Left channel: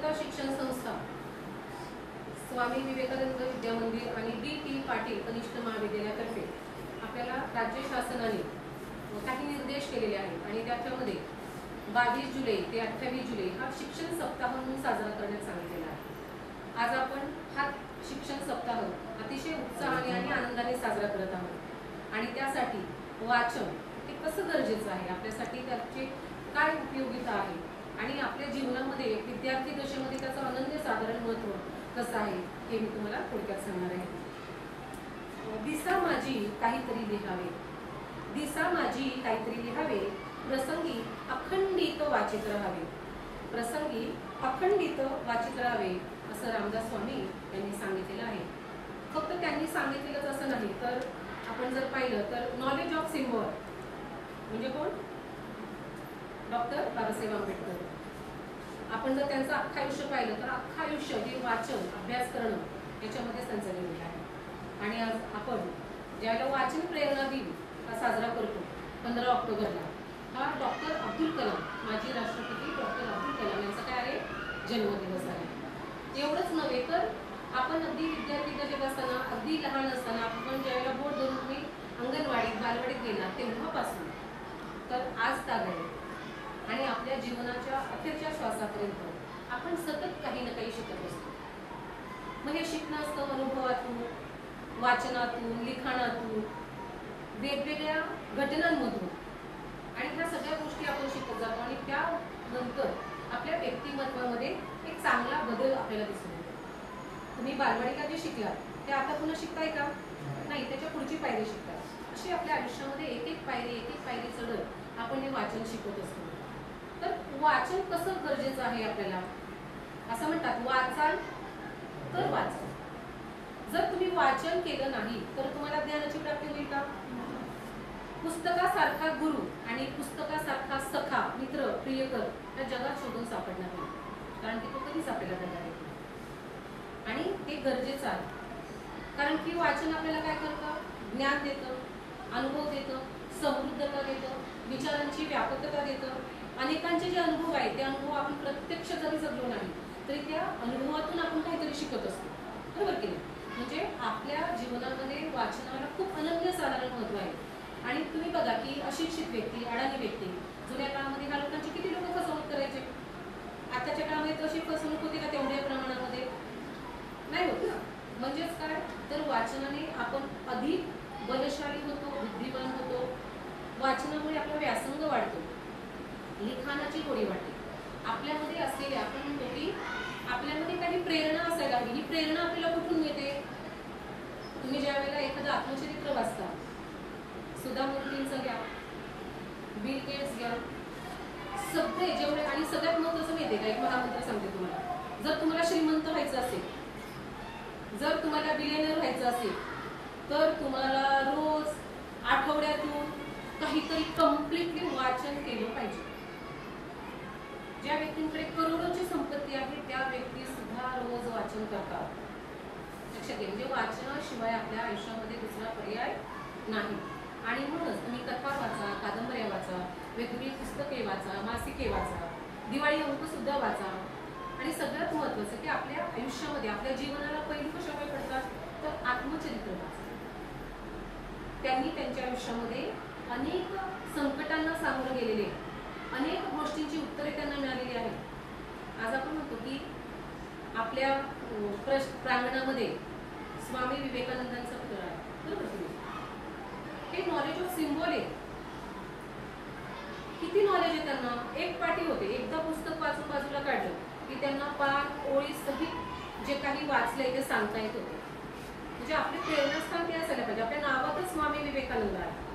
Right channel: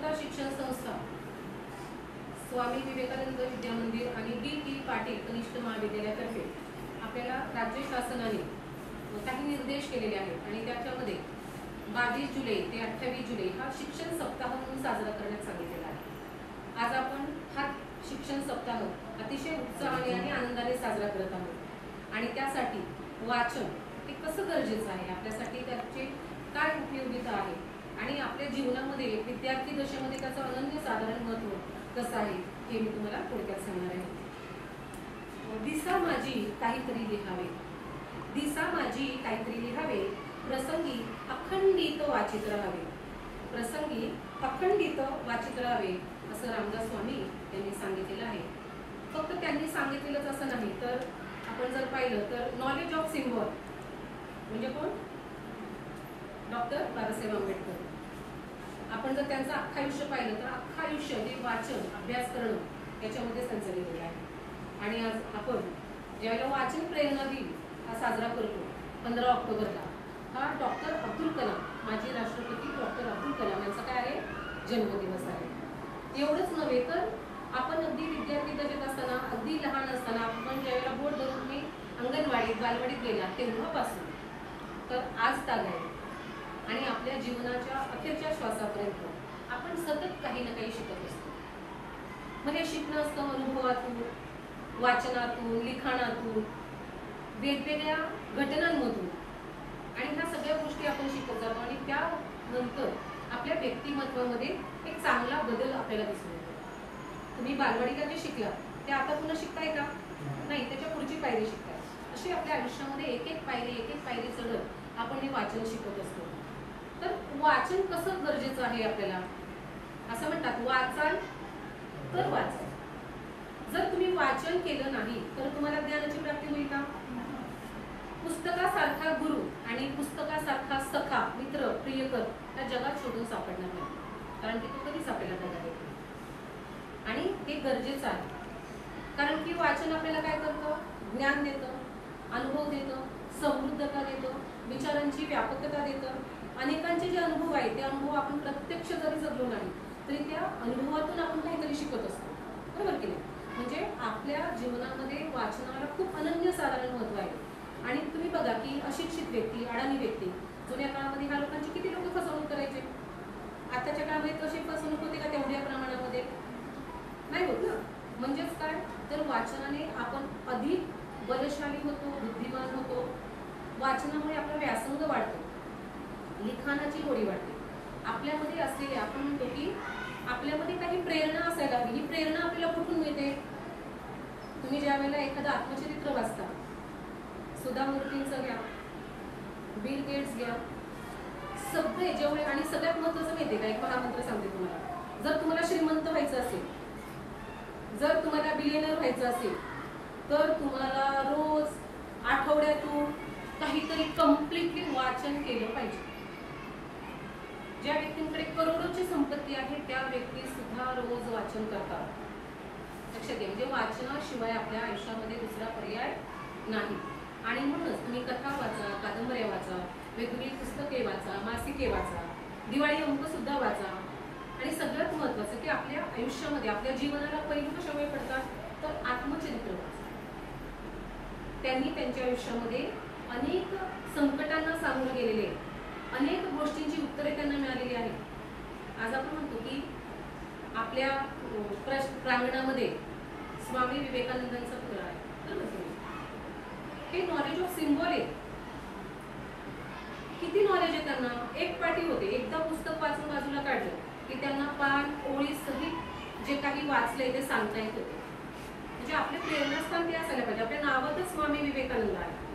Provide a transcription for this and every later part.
समता शिक्षण संस्था, स्वामी विवेकानंद विद्या मंदिर आणि डी.टी. पाटील कनिष्ठ महाविद्यालयातर्फे आपल्याला राज्य शासनाने काही निर्देश केलेले आहेत आणि त्याच्यामध्ये 22 जुलै ते 28 जुलै हा शिक्षण सप्ताह म्हणून साजरा करण्यात सांगितलेला आहे। आज आपण हा शिक्षण सप्ताह अतिशय उत्साहाने आणि आनंदाने साजरा करत आहोत आणि त्यासाठी वाचन हे कसं गरजेचं आहे, आपल्यासाठी त्याचे काय उपयोगिता आहे आणि आपल्या जीवनामध्ये विद्यार्थी दशेमध्ये त्याचं अनन्यसाधारण महत्त्व कसं आहे हे मी तुम्हाला थोडक्यात सांगणार आहे। दिसा माझी काहीतरी लिहावे, दिसा माझी काहीतरी लिहावे, प्रसंगी अखंडित वाचित राहावे, प्रसंगी अखंडित वाचित राहावे असं रामदास स्वामी यांनी सांगितलेलं आहे। फक्त त्यांनी सांगितलेलंच असं नाही, तर आपण जर पाहिलं तर नॉलेज ऑफ सिम्बॉल म्हणजे कोण? डॉक्टर बाबासाहेब आंबेडकर। आपण जर त्यांचं अख्खं आयुष्य पाहिलं तर अख्खं आयुष्य हे वाचन अभ्यास करणं याच्यामध्ये त्यांचं गेलेलं आहे। आणि आज आपण ज्यावेळेला वाचन प्रेरणा दिन हा साजरा करतो 15 ऑक्टोबरला, हा डॉक्टर अब्दुल कलाम, माजी राष्ट्रपती डॉक्टर अब्दुल कलाम यांचा काय आहे? जन्मदिवस आहे। एवढंच नव्हे तर आपण अगदी विद्यार्थी दशेत असताना, अगदी लहान असताना, आपण ज्यावेळेला बोट धरून तुम्ही अंगणवाडीत बालवाडीत गेला तेव्हापासून तर आज ताग आहे आणि आपल्या जीवनाच्या अखेरच्या श्वासापर्यंत आपण सतत काही ना काही शिकत असतो। मग हे शिकणं असतं अनुभवातून, वाचनातून, लिखाणातून, वेगवेगळ्या घटनांमधून आणि ह्या सगळ्या गोष्टी आपण शिकत जातो आणि त्यानंतर आपल्या व्यक्तिमत्वामध्ये एक चांगला बदल आपल्याला दिसून येतो। तुम्ही बालवाडीला जे शिकला ते आता पुन्हा शिकताय का? नाही, त्याच्या पुढची पायरी शिकताय। अशी आपल्या आयुष्यामध्ये एक एक पायरी चढत आपण हे वाचन शिकत असतो। तर वाचन कसं गरजेचं आहे आपल्याला? असं म्हणतात वाचाल तर वाचाल। जर तुम्ही वाचन केलं नाही तर तुम्हाला ज्ञानाची प्राप्ती होईल का? पुस्तकासारखा गुरु आणि पुस्तकासारखा सखा, मित्र, प्रियकर या जगात शोधून सापडणार नाही, कारण की तो कधीच आपल्याला दगा देतो आणि हे गरजेचं आहे। कारण की वाचन आपल्याला काय करतं? ज्ञान देतं, अनुभव देतं, समृद्धता देतं, विचारांची व्यापकता देतं। अनेकांचे जे अनुभव आहेत ते अनुभव आपण प्रत्यक्ष जरी जगलो नाही तरी त्या अनुभवातून आपण काहीतरी शिकत असतो, बरोबर की नाही? म्हणजे आपल्या जीवनामध्ये वाचनाला खूप अनन्यसाधारण महत्त्व आहे। आणि तुम्ही बघा की अशिक्षित व्यक्ती, अडाणी व्यक्ती, जुन्या काळामध्ये ह्या लोकांची किती लोक फसवणूक करायचे, आताच्या काळामध्ये तशी फसवणूक होते का? तेवढ्या प्रमाणामध्ये नाही होत ना। म्हणजेच काय तर वाचनाने आपण अधिक बलशाली होतो, बुद्धिमान होतो। वाचनामुळे आपला व्यासंग वाढतो, लिखाणाची गोडी वाढते, आपल्यामध्ये असलेले, आपण म्हणतो की आपल्यामध्ये काही प्रेरणा असायला हवी। ही प्रेरणा आपल्याला कुठून मिळते? तुम्ही ज्या वेळेला एखादं आत्मचरित्र वाचता, सुधा मूर्तींचं घ्या, बिल गेट्स घ्या, सगळे जेवढे, आणि सगळ्यात महत्त्वाचं माहिती आहे का? एक महामंत्र सांगते तुम्हाला, जर तुम्हाला श्रीमंत व्हायचं असेल, जर तुम्हाला बिलियनर व्हायचं असेल तर तुम्हाला रोज आठवड्यातून काहीतरी कम्प्लिटली वाचन केलं पाहिजे। ज्या व्यक्तींकडे करोडोची संपत्ती आहे त्या व्यक्ती सुद्धा रोज वाचन करतात, लक्षात घ्या। म्हणजे वाचनाशिवाय आपल्या आयुष्यामध्ये दुसरा पर्याय नाही। आणि म्हणूनच तुम्ही कथा वाचा, कादंबऱ्या वाचा, वेगवेगळी पुस्तके वाचा, मासिके वाचा, दिवाळी अंक सुद्धा वाचा आणि सगळ्यात महत्त्वाचं की आपल्या आयुष्यामध्ये, आपल्या जीवनाला पैलू कशामुळे पडतात तर आत्मचरित्र वाचा। त्यांनी त्यांच्या आयुष्यामध्ये अनेक संकटांना सामोरं गेलेले, अनेक गोष्टींची उत्तरे त्यांना मिळालेली आहेत। आज आपण म्हणतो की आपल्या प्रांगणामध्ये स्वामी विवेकानंदांचं घर आहे, बरोबर की नाही? हे नॉलेज ऑफ सिम्बॉल आहे। किती नॉलेज आहे त्यांना? एक पाटी होते, एकदा पुस्तक वाचून बाजूला काढलं की त्यांना पान ओळी सहित जे काही वाचलंय ते सांगता येत होते। म्हणजे आपले प्रेरणास्थान ते असायला पाहिजे। आपल्या नावातच स्वामी विवेकानंद आहे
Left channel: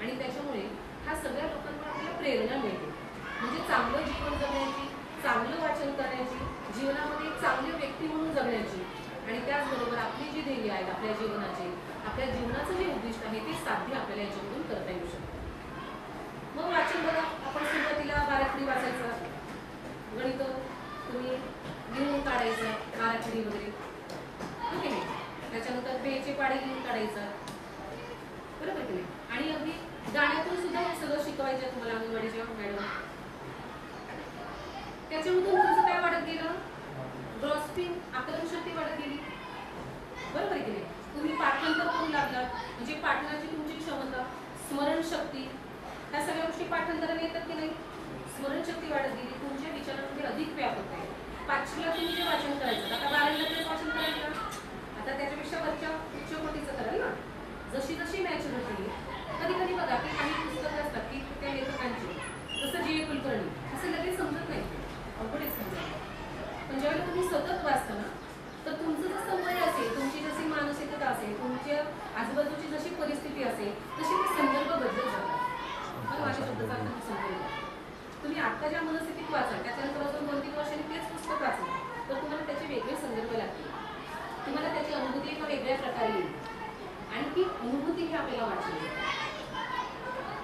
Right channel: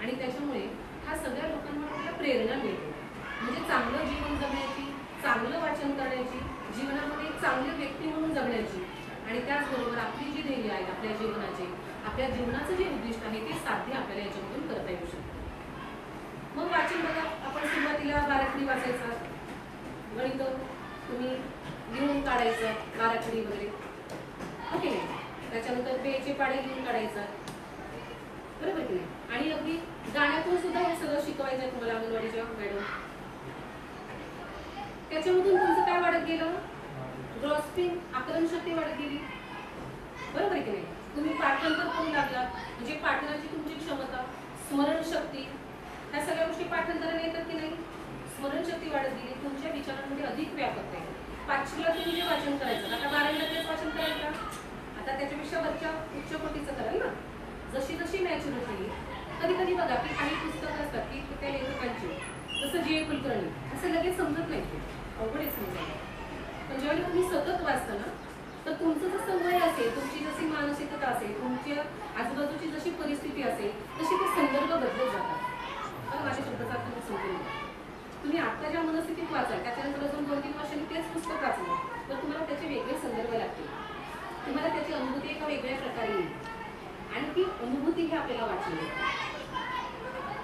आणि त्याच्यामुळे ह्या सगळ्या लोकांना आपल्याला प्रेरणा मिळते। म्हणजे चांगलं जीवन जगण्याची, चांगलं वाचन करण्याची, जीवनामध्ये एक चांगले व्यक्ती म्हणून जगण्याची आणि त्याचबरोबर आपली जी ध्येय आहेत आपल्या जीवनाचे, आपल्या जीवनाचं जे उद्दिष्ट आहे ते साध्य आपल्याला याच्यामधून करता येऊ शकतं। मग वाचन बघा, आपण सुरुवातीला बाराखडी वाचायचा, गणित तुम्ही लिहून काढायचं, बाराखडी वगैरे, ओके नाही? त्याच्यानंतर पेचे पाडे लिहून काढायचा, बरोबर की नाही? आणि अगदी गाण्यातून सुद्धा हे सगळं शिकवायचं तुम्हाला अंगणवाडीच्या मॅडम। त्याच्यामधून तुमचं काय वाढत वाढत गेलं, ग्रॉस्पिंग आकलन शक्ती वाढत गेली, बरोबर आहे की नाही? तुम्ही पाठांतर करू लागलात म्हणजे पाठनाची तुमची क्षमता, स्मरणशक्ती, ह्या सगळ्या गोष्टी पाठांतराने येतात की नाही? स्मरणशक्ती वाढत गेली, तुमच्या विचारांमध्ये अधिक व्यापकता आहे. 5वीला तुम्ही जे वाचन करायचं आता 12वीला तेच वाचन करायचं, आता त्याच्यापेक्षा वरच्या उच्च कोटीचं कराल ना. जशी जशी मॅच्युरिटी, कधी कधी बघा की काही पुस्तकं असतात की त्या लेखकांची, जसं जी. कुलकर्णी, असं लगेच समजत नाही, अवघड समजायला. पण ज्यावेळी तुम्ही सतत वाचता ना, तर तुमचं जसं वय असेल, तुमची जशी मानसिकता असेल, तुमच्या आजूबाजूची जशी परिस्थिती असेल, तशी ते संदर्भ बदलत जातात. मला माझ्या शब्दाचा अर्थ समजून घ्या. तुम्ही आता ज्या मनस्थितीत वाचाल, त्याच्यानंतर अजून 2-3 वर्षांनी तेच पुस्तक वाचलं तर तुम्हाला त्याचे वेगळे संदर्भ लागतील, तुम्हाला त्याची अनुभूती एका वेगळ्या प्रकारे येईल. आणि ती अनुभूती ही आपल्याला वाटली.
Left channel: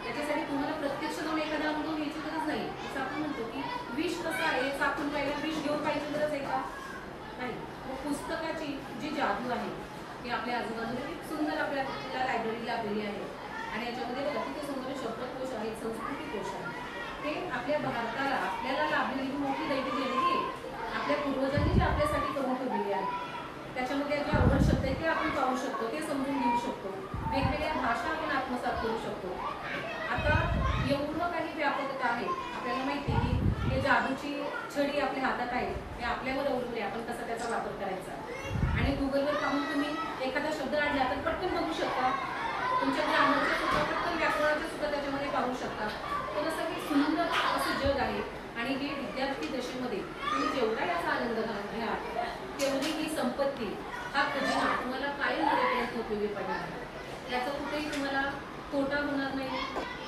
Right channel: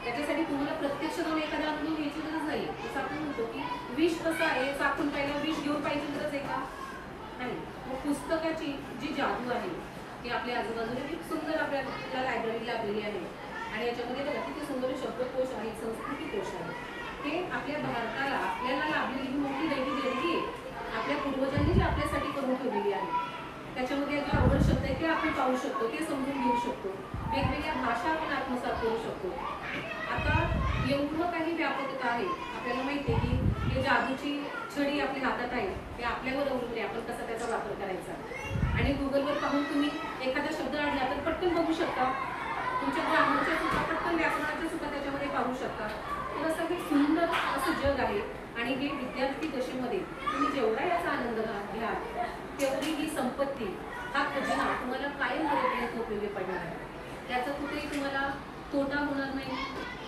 त्याच्यासाठी तुम्हाला प्रत्यक्ष जाऊन एखादा अनुभव घ्यायची गरज नाही. जसं आपण म्हणतो की विष कसं आहे, चाकून पाहिलं विष घेऊन पाहिजे गरज आहे का? नाही. मग पुस्तकाची जी जादू आहे ती आपल्या आजूबाजूला खूप सुंदर आपल्या लायब्ररी लाभलेली आहे. आणि याच्यामध्ये बघा किती सुंदर शब्दकोश आहे, संस्कृती कोश आहे. हे आपल्या भारताला आपल्याला लाभलेली मोठी दैवी देणगी आहे. आपल्या पूर्वजांनी जी आपल्यासाठी करून ठेवलेली आहे. त्याच्यामध्ये जे अवघड शब्द आहे ते आपण पाहू शकतो, ते समजून घेऊ शकतो, वेगवेगळ्या भाषा आपण आत्मसात करू शकतो. आता एवढं काही व्यापकता आहे. आपल्याला माहिती आहे की हे जादूची छडी आपल्या हातात आहे, ते आपल्यावर अवलंबून आहे आपण कसा त्याचा वापर करायचा. आणि गुगलवर पाहून तुम्ही एखादा शब्द आणला तर पटकन बघू शकता, तुमच्या ग्रामरचे सुद्धा पटकन व्याकरणाचे सुद्धा त्याच्यामध्ये पाहू शकता. तर असं हे सुंदर असं जग आहे. आणि हे विद्यार्थी दशेमध्ये तुम्ही जेवढा याचा आनंद घ्या, तेवढी ही संपत्ती, हा खजिना तुम्हाला कायम मर्यादेपर्यंत उपयोगी पडणार आहे. याचा कुठेही तुम्हाला तोटा होणार नाही,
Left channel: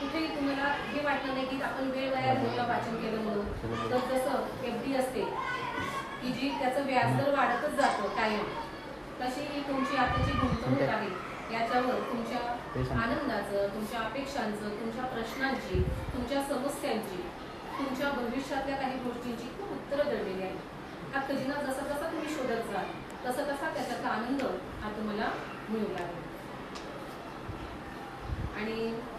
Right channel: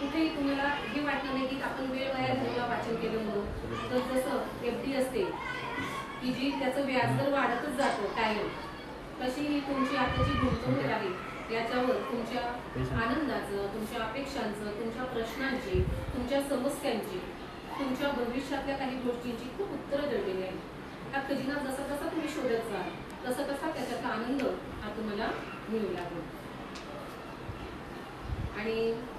कुठेही तुम्हाला हे वाटणार नाही की आपण वेळ वाया घालवला वाचन केलं म्हणून. तर जसं FD असते की जी त्याचं व्याजदर वाढतच जातं कायम, तशी ही तुमची आताची गुंतवणूक आहे. याच्यावर तुमच्या आनंदाचं, तुमच्या अपेक्षांचं, तुमच्या प्रश्नांची, तुमच्या समस्यांची, तुमच्या भविष्यातल्या काही गोष्टींची खूप उत्तरं दडलेली आहेत. हा खजिना जसा जसा तुम्ही शोधत जाल तसा तसा त्याच्यातला आनंद हा तुम्हाला मिळू लागेल. आणि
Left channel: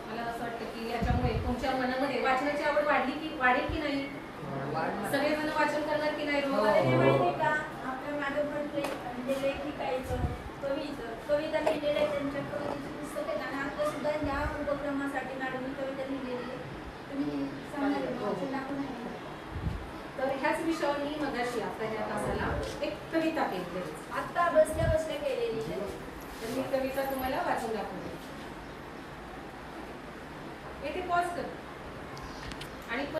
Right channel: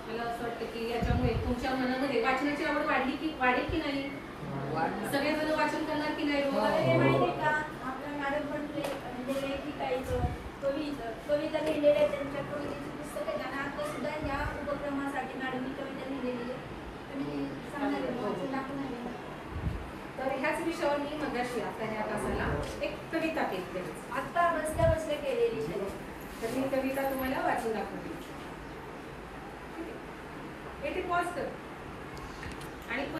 मला असं वाटतं की याच्यामुळे तुमच्या मनामध्ये वाचनाची आवड वाढेल की नाही? सगळेजण वाचन करणार की नाही? आपल्या मॅडम म्हटले म्हणजे लेखिकायचं, कविता लिहिलेल्या त्यांच्या कवितेची पुस्तक आहे आणि आता सुद्धा या उपक्रमासाठी मॅडमनी कविता लिहिलेली आहे. तुम्ही सांगणार तर ह्याच विषयावर मी मगाशी आता ह्या तासाला एक कविता केली, आता बसल्या बसल्या केलेली. तर मी कविता तुम्हाला वाचून दाखवते. येथे पॉज कर आणि